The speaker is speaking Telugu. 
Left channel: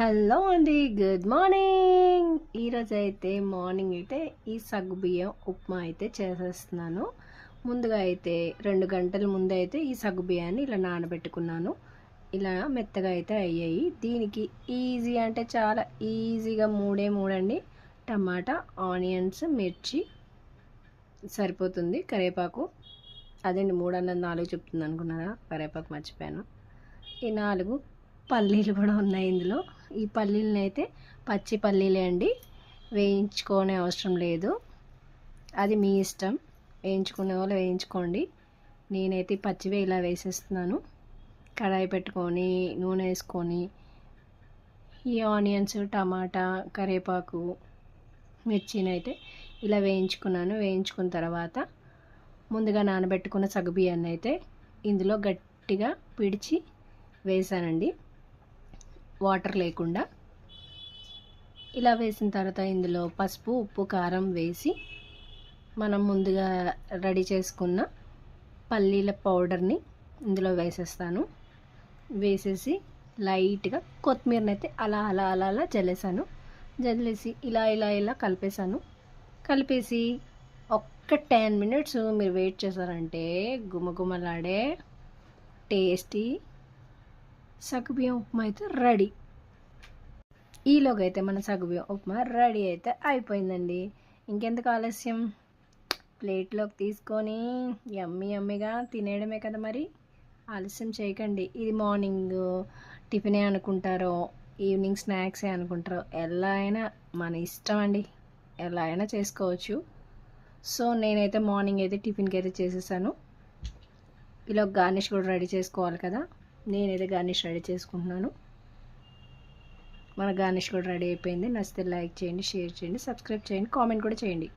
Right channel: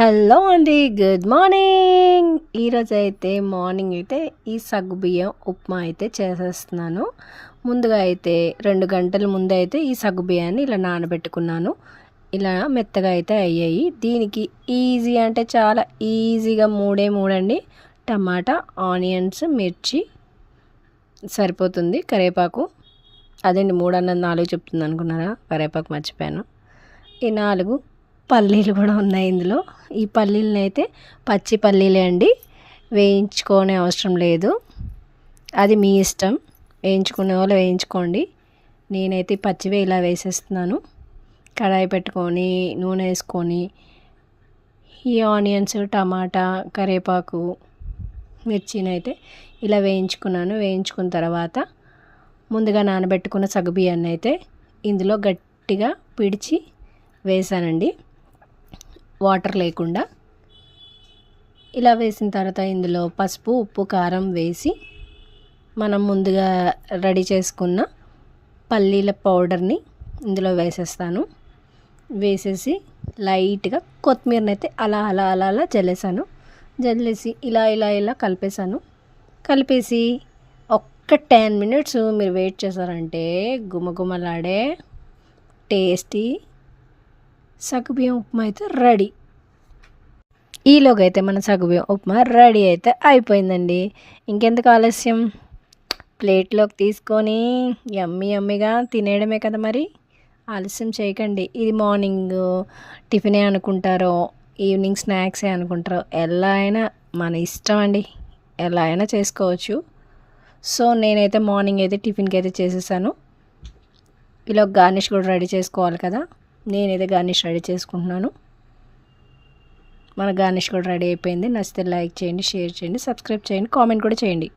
హలో అండి, గుడ్ మార్నింగ్. ఈరోజు అయితే మార్నింగ్ అయితే ఈ సగ్గుబియ్యం ఉప్మా అయితే చేసేస్తున్నాను. ముందుగా అయితే 2 గంటల ముందు అయితే ఈ సగ్గుబియ్యాన్ని ఇలా నానబెట్టుకున్నాను. ఇలా మెత్తగా అయితే అయ్యాయి. దీనికి ఈజీ అంటే చాలా ఈజీగా మూడండి. టమాటా, ఆనియన్స్, మిర్చి సరిపోతుంది. కరివేపాకు అదేంటి 3 అన్నది 4 చెప్తుంది అనుకున్నారా? కరివేపాకు మర్చిపోయాను. ఈ 4 పల్లీలు కూడా ఉన్నాయి ఇందులో. ఈ పల్లీలను అయితే పచ్చి పల్లీలే అండి, వేయించుకోనే అవసరం లేదు. అది మీ ఇష్టం, వేయించుకునే వాళ్ళు వేయించుకోండి. నేనైతే పచ్చివే ఇలా వేసేస్తున్నాను. కడాయి పెట్టుకొని నూనె వేసుకొని ఈ ఆనియన్స్, టమాటా, కరివేపాకు, మిర్చిని అయితే ఇలా వేయించుకున్నాను. వేయించుకున్న తర్వాత ముందుగా నానబెట్టుకున్న సగ్గుబియ్యాన్ని అయితే ఇందులో గట్టిగా పిడిచి వేసానండి, వాటర్ లేకుండా. ఇలా వేసిన తర్వాత ఇందులో పసుపు, ఉప్పు, కారం వేసి మనం ముందుగా రెడీ చేసుకున్న పల్లీల పౌడర్ని ఇందులో వేసేస్తాను. వేసేసి లైట్గా కొత్తిమీరని అయితే అలా అలా అలా అలా జల్లేసాను. జల్లేసి ఇలా కలిపేసాను. కలిపేసి ఒక్క 10 మినిట్స్ మీరు వెయిట్ చేశారంటే గుమగుమలాడే టేస్టీ సగ్గుబియ్యం ఉప్మా అయితే రెడీ. ఈలోగా అయితే మన సగ్గుబియ్యం ఉప్మా రెడీ అయితే అయిపోయిందండి. ఇంకెందుకు ఆలస్యం, ప్లేట్లోకి తీసుకొని యమ్మీగా తినేయడమే కదా మరి. ఆలస్యం చేయకండి. ఇది మార్నింగ్ టిఫినే అనుకుంటారో, ఈవినింగ్ స్నాక్సే అనుకుంటారో, ఎలా అయినా మన ఇష్టం అండి, ఎలా అయినా చేసుకోవచ్చు. సో నేనైతే మార్నింగ్ అయితే టిఫిన్కి అయితే చేసేసాను. ఇలా గార్నిష్ కూడా రెడీ చేసుకోవాలి కదా. నేనైతే గార్నిష్ రెడీ చేసుకుంటున్నాను. మన గార్నిష్ కూడా రెడీ అయిపోయింది. నచ్చితే లైక్ చేయండి, షేర్ చేయండి, సబ్స్క్రైబ్ చేయండి, కామెంట్ కూడా చేయండి.